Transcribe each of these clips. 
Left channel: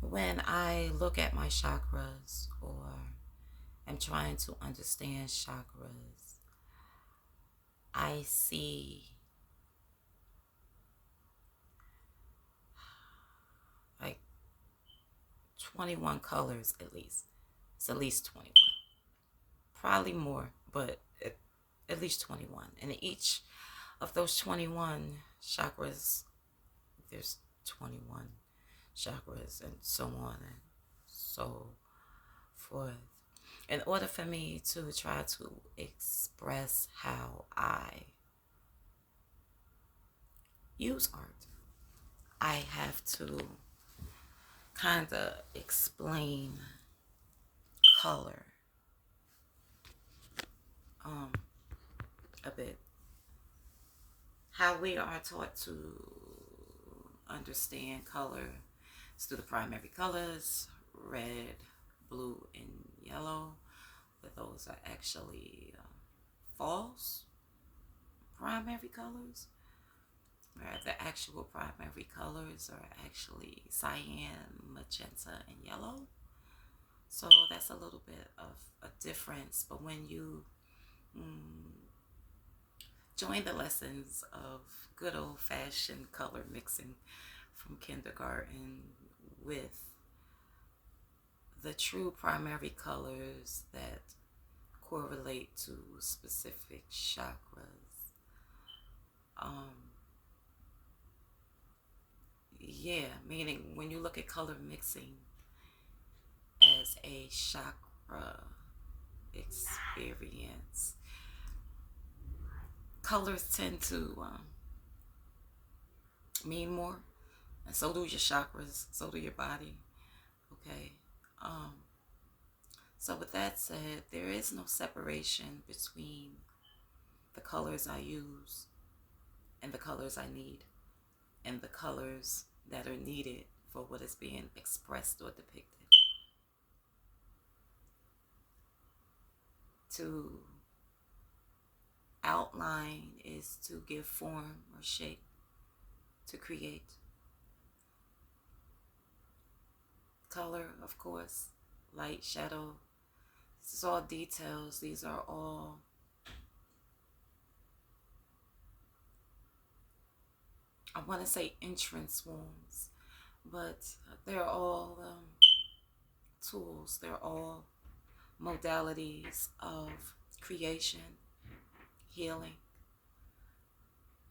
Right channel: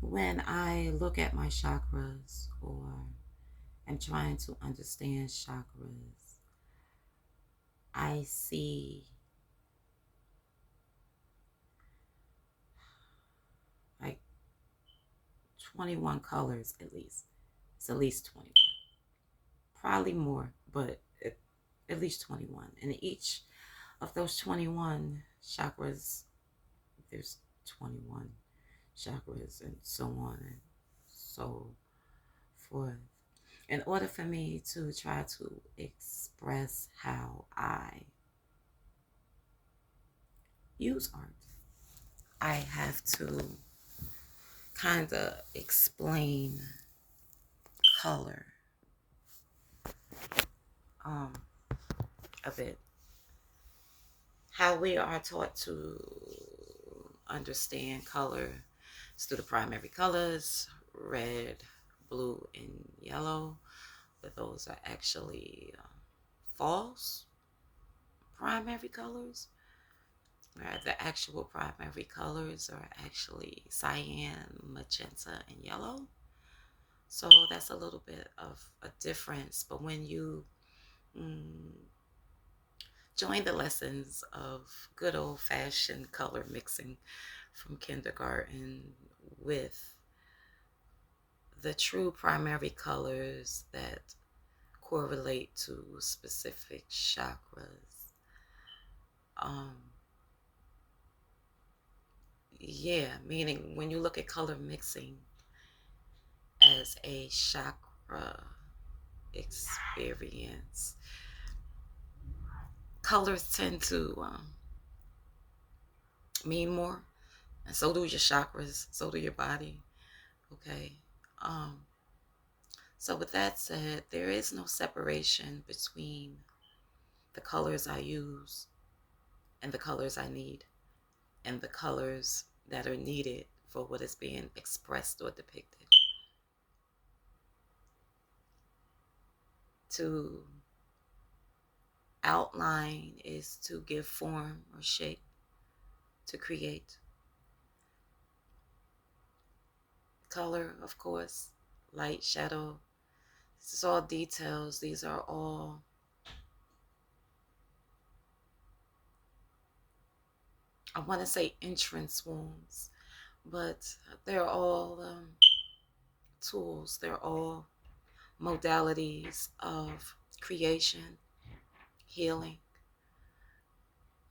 When I look at my chakras or am trying to understand chakras, I see like 21 colors at least. It's at least 21. Probably more, but at least 21. And each of those 21 chakras, there's 21 chakras and so on and so forth. In order for me to try to express how I use art, I have to kind of explain color um, a bit. How we are taught to understand color is through the primary colors, red, blue, and yellow. But those are actually false primary colors. Where the actual primary colors are actually cyan, magenta, and yellow. So that's a little bit of a difference. But when you mm, join the lessons of good old fashioned color mixing from kindergarten with the true primary colors that correlate to specific chakras, um, yeah, meaning when you look at color mixing as a chakra experience, colors tend to mean more, and so do your chakras, so do your body. Okay. Um, so, with that said, there is no separation between the colors I use and the colors I need, and the colors that are needed for what is being expressed or depicted. To outline is to give form or shape, to create. Color, of course, light, shadow. This is all details. These are all, I want to say entrance wounds, but they're all tools. They're all modalities of creation, healing,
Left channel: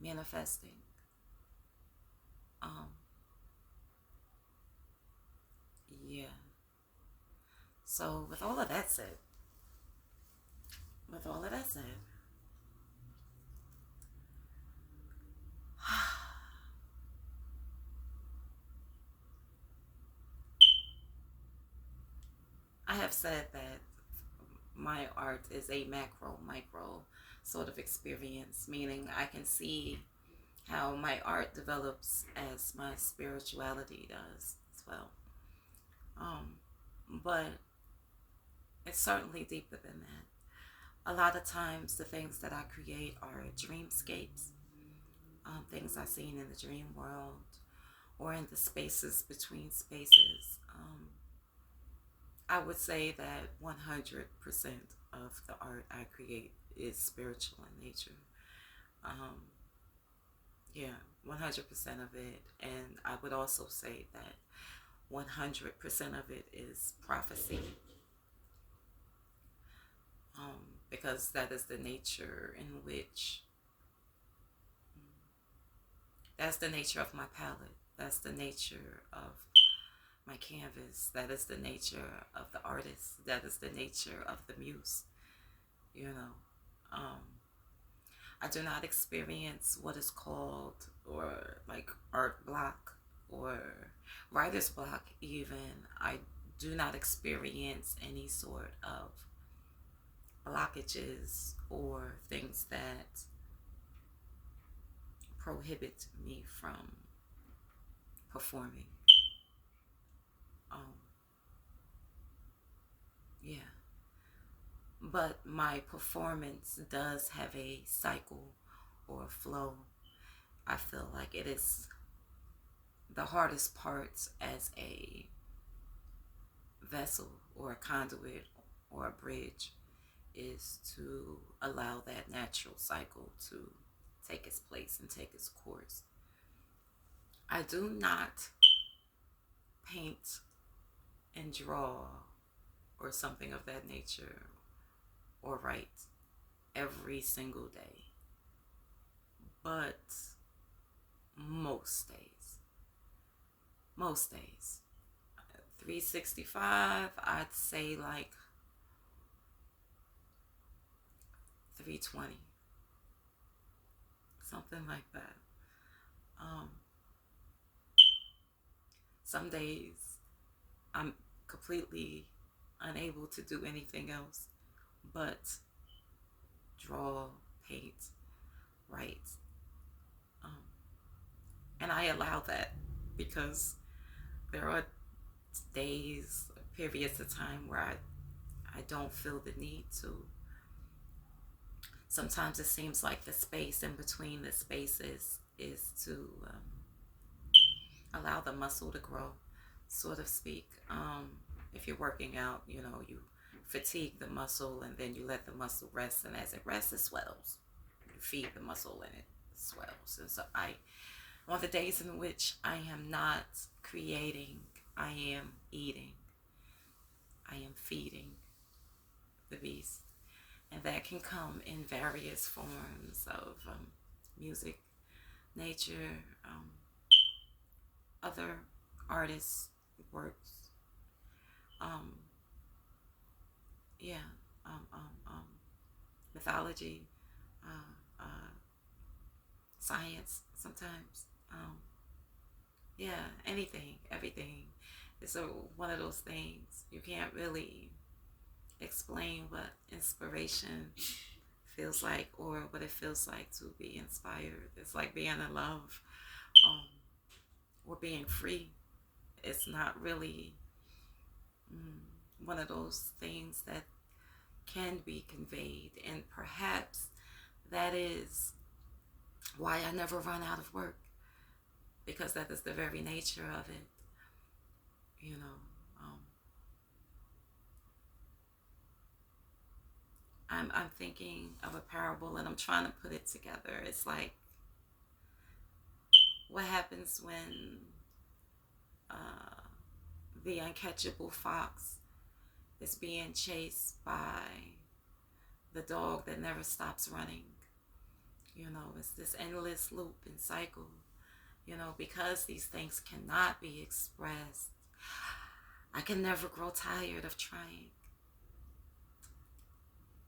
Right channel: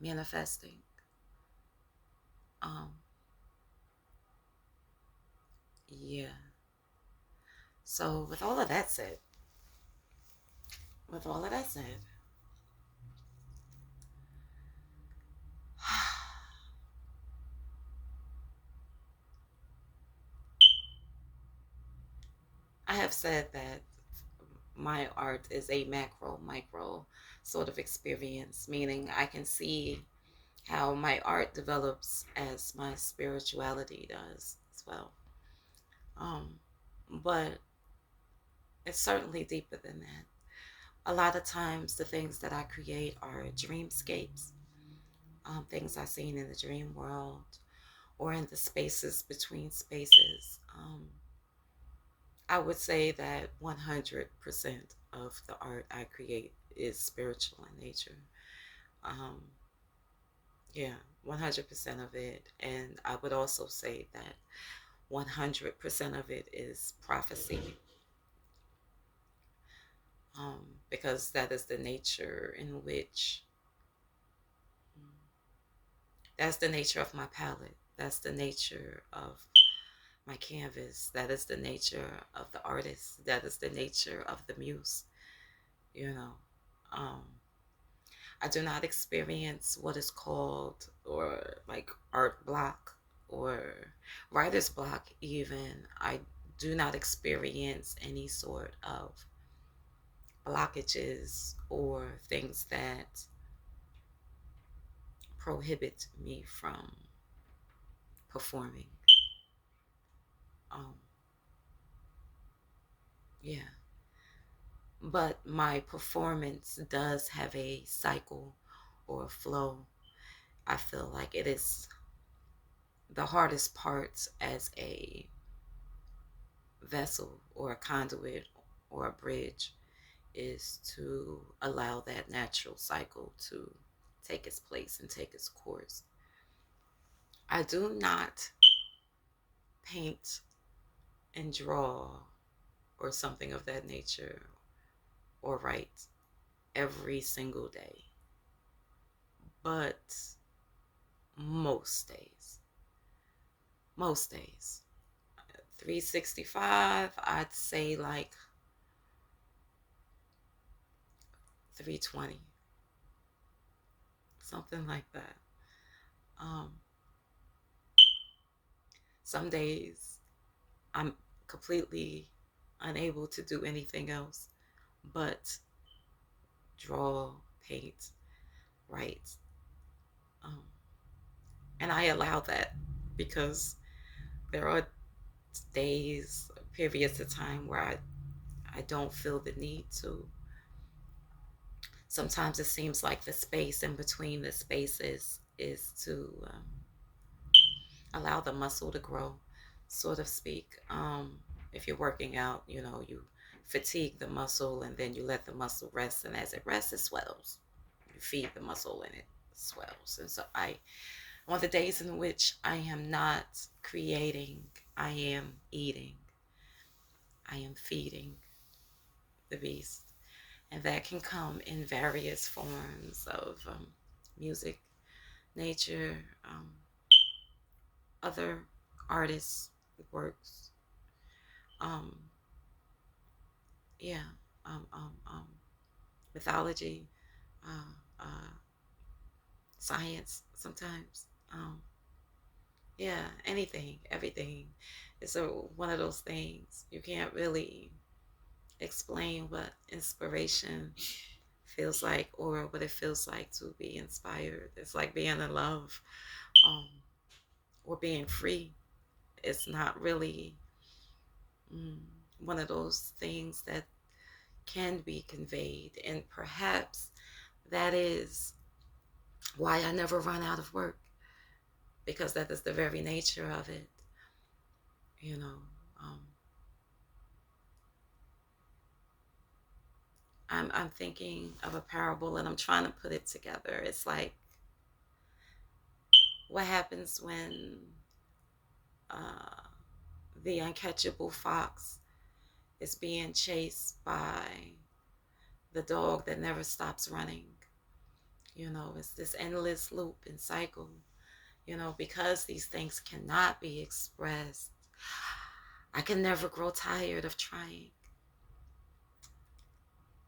manifesting. Um, yeah. So with all of that said, I have said that my art is a macro, micro sort of experience, meaning I can see how my art develops as my spirituality does as well. Um, but it's certainly deeper than that. A lot of times, the things that I create are dreamscapes, things I've seen in the dream world or in the spaces between spaces. I would say that 100% of the art I create is spiritual in nature. Um, yeah, 100% of it. And I would also say that 100% of it is prophecy, because that is the nature in which, that's the nature of my palette. That's the nature of my canvas. That is the nature of the artist. That is the nature of the muse. You know, um, I do not experience what is called or like art block or writer's block, even. I do not experience any sort of blockages or things that prohibit me from performing. Um, yeah. But my performance does have a cycle or a flow. I feel like it is the hardest part as a vessel or a conduit or a bridge is to allow that natural cycle to take its place and take its course. I do not paint and draw or something of that nature or write every single day, but most days, most days, 365, I'd say like 320, something like that. Um, some days I'm completely unable to do anything else but draw, paint, write. Um, and I allow that because there are days, periods of time where I don't feel the need to. Sometimes it seems like the space in between the spaces is to allow the muscle to grow, so to speak. If you're working out, you fatigue the muscle and then you let the muscle rest, and as it rests, it swells. You feed the muscle and it swells. And so on the days in which I am not creating, I am eating, I am feeding the beast. And that can come in various forms of music, nature, other artists' works, um, yeah, um, um, um, mythology, uh, science sometimes. Yeah, anything, everything. It's one of those things you can't really explain what inspiration feels like or what it feels like to be inspired. It's like being in love, um, or being free. It's not really mm, one of those things that can be conveyed. And perhaps that is why I never run out of work, because that is the very nature of it. You know, um, I'm thinking of a parable and I'm trying to put it together. It's like, what happens when uh, the uncatchable fox is being chased by the dog that never stops running? It's this endless loop and cycle. Because these things cannot be expressed, I can never grow tired of trying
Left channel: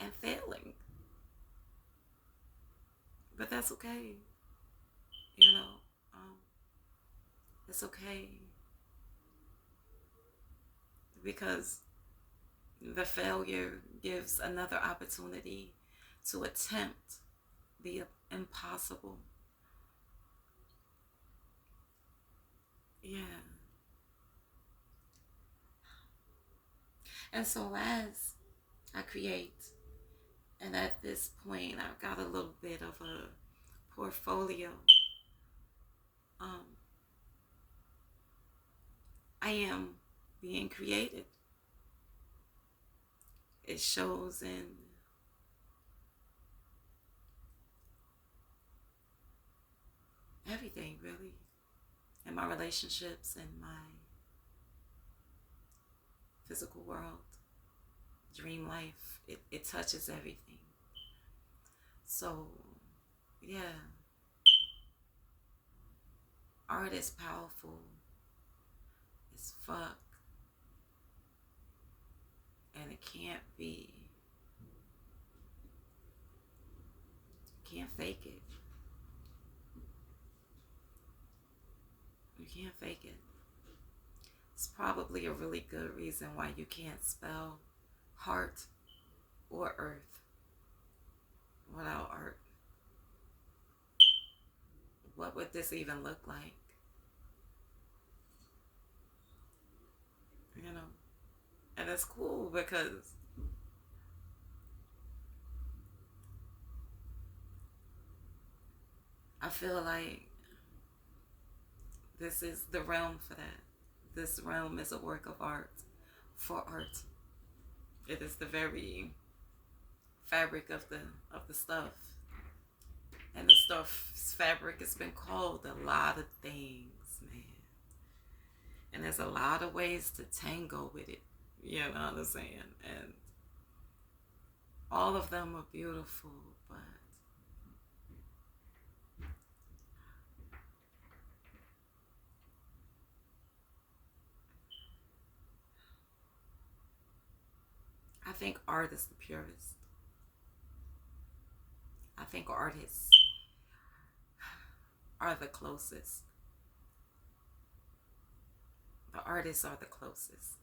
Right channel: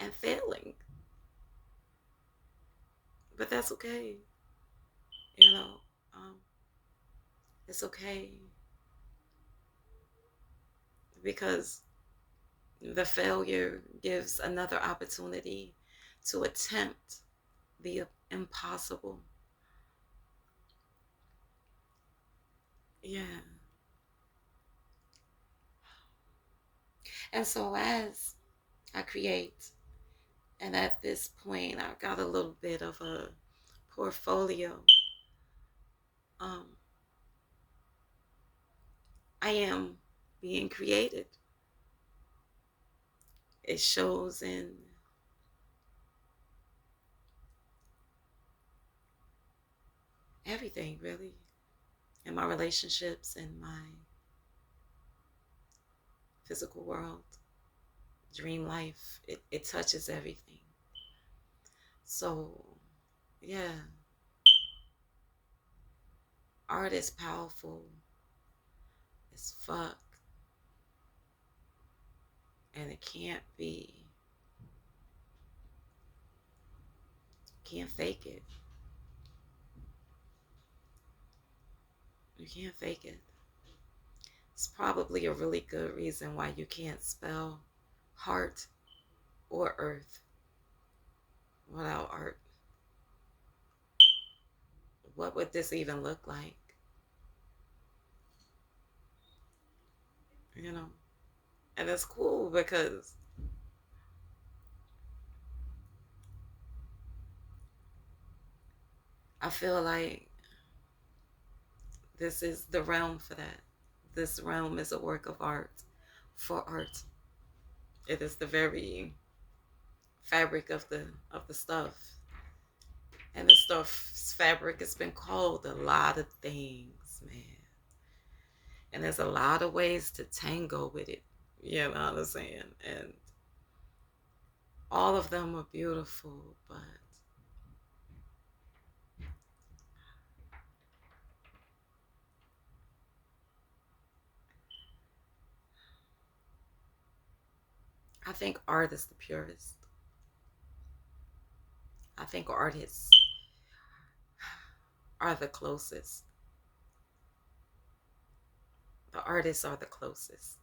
and failing. But that's okay. You know, um, it's okay because the failure gives another opportunity to attempt the impossible. Yeah. And so as I create, and at this point, I've got a little bit of a portfolio. Um, I am being created. It shows in everything, really, in my relationships, in my physical world, dream life. It touches everything. So, yeah, art is powerful as fuck, and it can't fake it. You can't fake it. It's probably a really good reason why you can't spell heart or earth without art. What would this even look like? You know? And it's cool because I feel like this is the realm for that. This realm is a work of art for art. It is the very fabric of the stuff. And the stuff's fabric has been called a lot of things, man. And there's a lot of ways to tango with it. You know what I'm saying? And all of them are beautiful, but I think art is the purest. I think artists are the closest. The artists are the closest.